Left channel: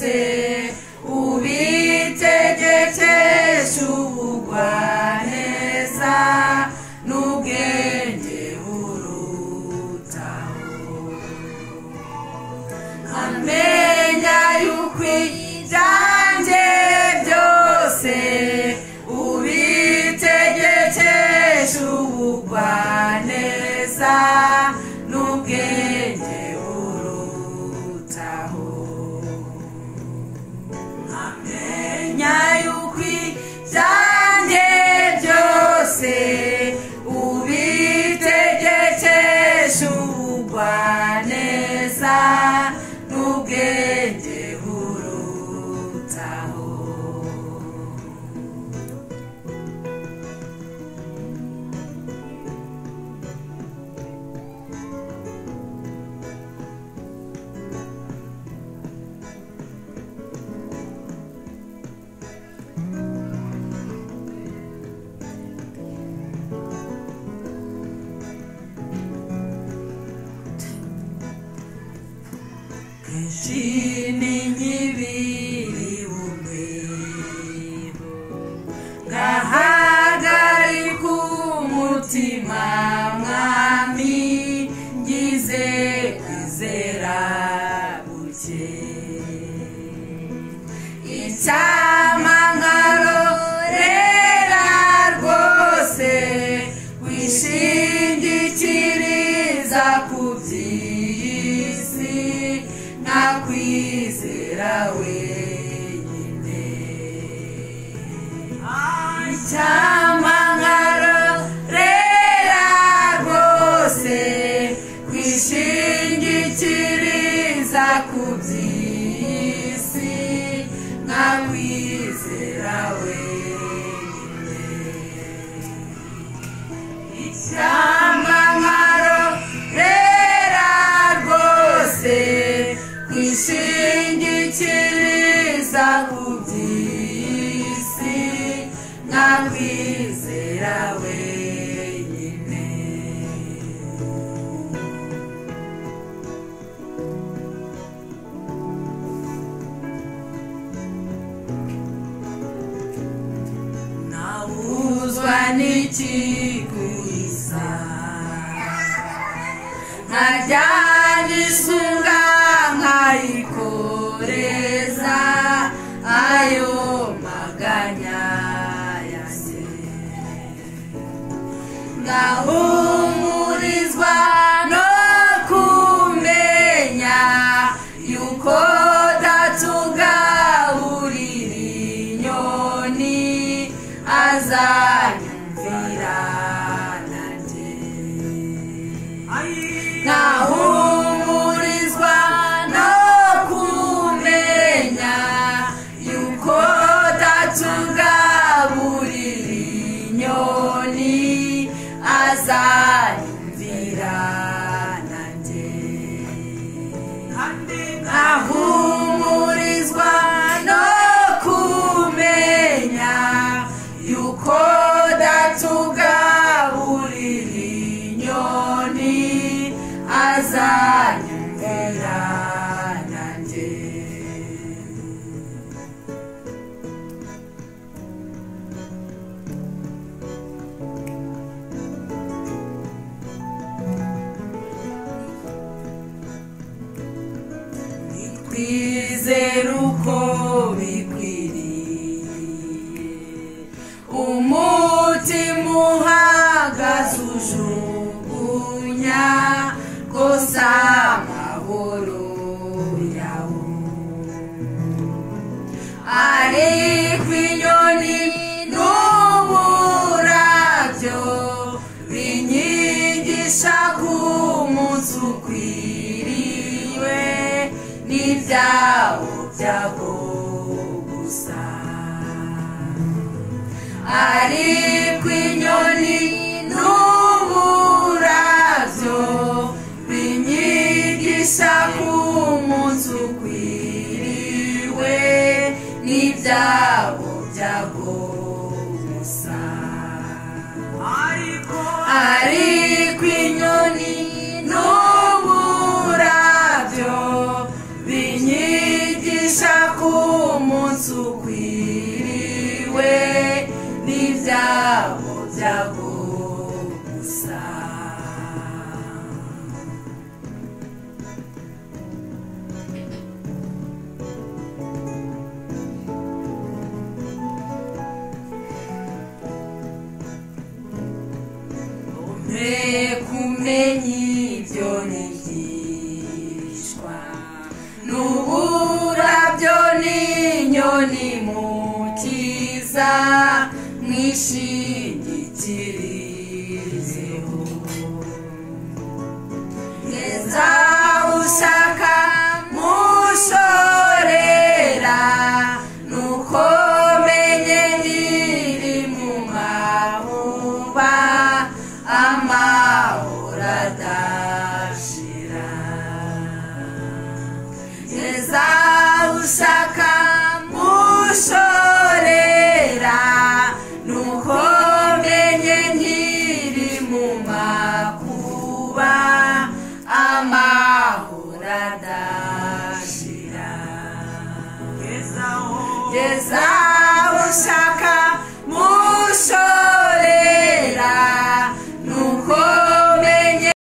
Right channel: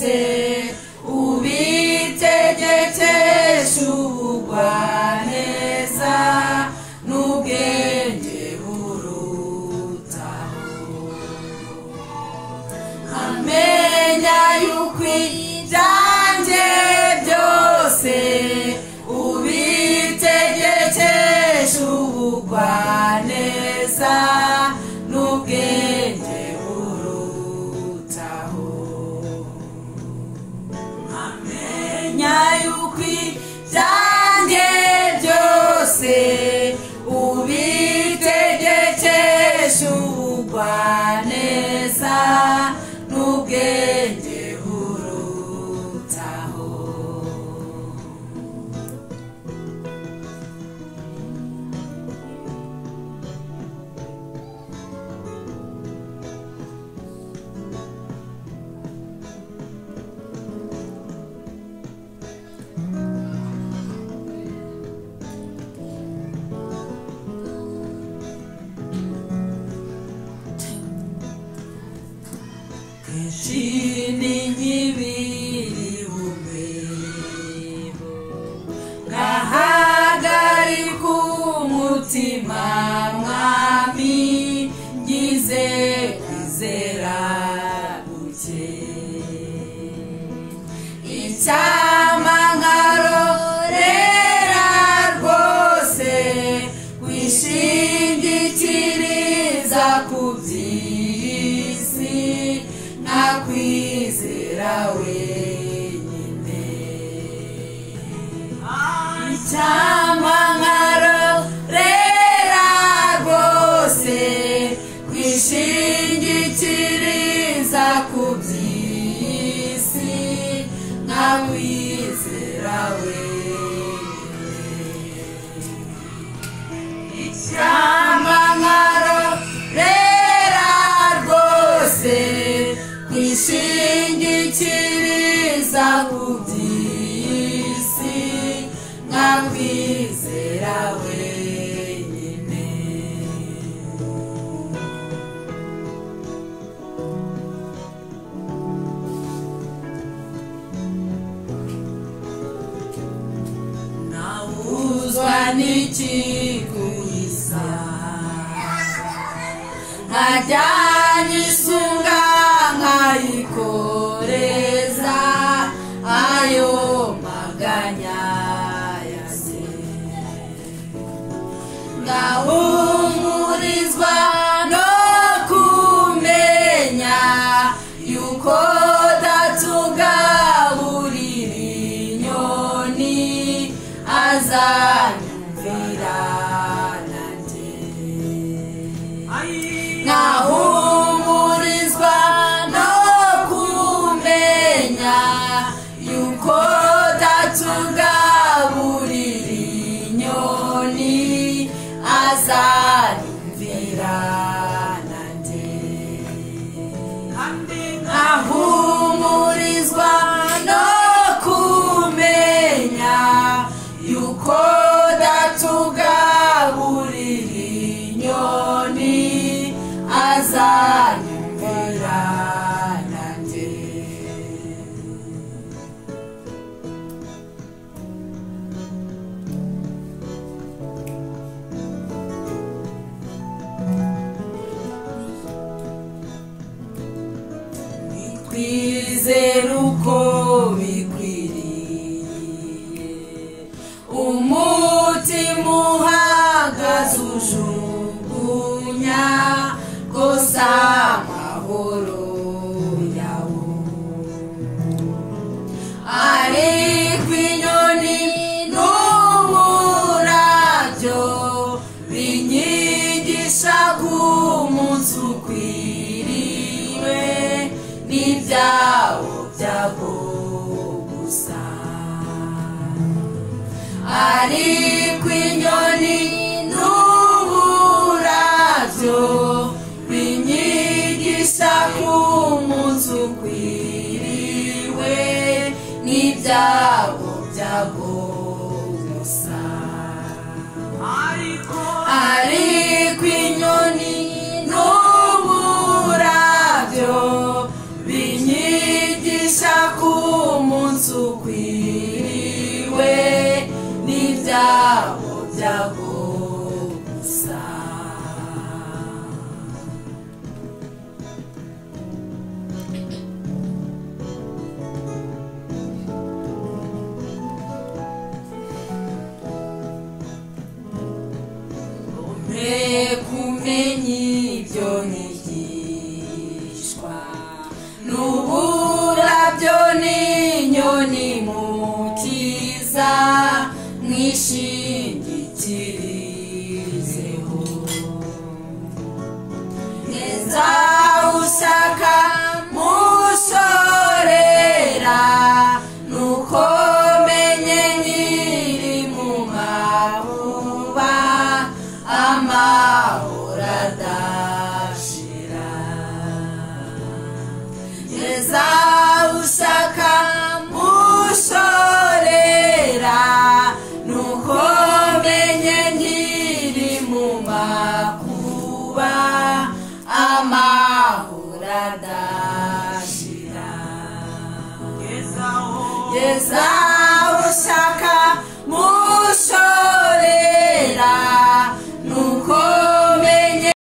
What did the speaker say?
byose ubitegekesha ubugwaneza n'ubwenge burutaho. Amenya yuko ibyanjye byose ubitegekesha ubugwaneza n'ubwenge burutaho. Amenya yuko ibyanjye byose ubitegekesha ubugwaneza n'ubwenge burutaho. Chini nkibiri umwebo ngahagarika umutima mwami ngize kwizera buke. Icyama nkarorera rwose wishingikiriza ku by'isi nakwizera wenyine. Icyama nkarorera rwose kwishingikiriza ku by'isi nakwizera wenyine. Icyama nkarorera rwose kwishingikiriza ku by'isi nakwizera wenyine. Nawuzwa n'iki kuisa nkajyana isunga nkayikoreza ayo maganya yanjye. Ngahumurizwa no kumenya yuko datugaburira inyoni azanyumvira nanjye. Ngahumurizwa no kumenya yuko datugaburira inyoni azanyumvira nanjye. Ngahumurizwa no kumenya yuko datugaburira inyoni azanyumvira nanjye. Kwizera uko bikwiriye umutima uhagaze ujugunya gusa amahoro yawo. Ariko inyoni n'uburabyo binyigisha ko umunsi ukwiriwe n'ibyawo byago gusa. Ariko inyoni n'uburabyo binyigisha ko umunsi ukwiriwe n'ibyawo byago gusa. Ariko inyoni n'uburabyo binyigisha k'umunsi ukwiriwe n'ibyago byago gusa. Kumenya ibyo nigishwa n'uburabyo n'inyoni mu cyiza mwishimye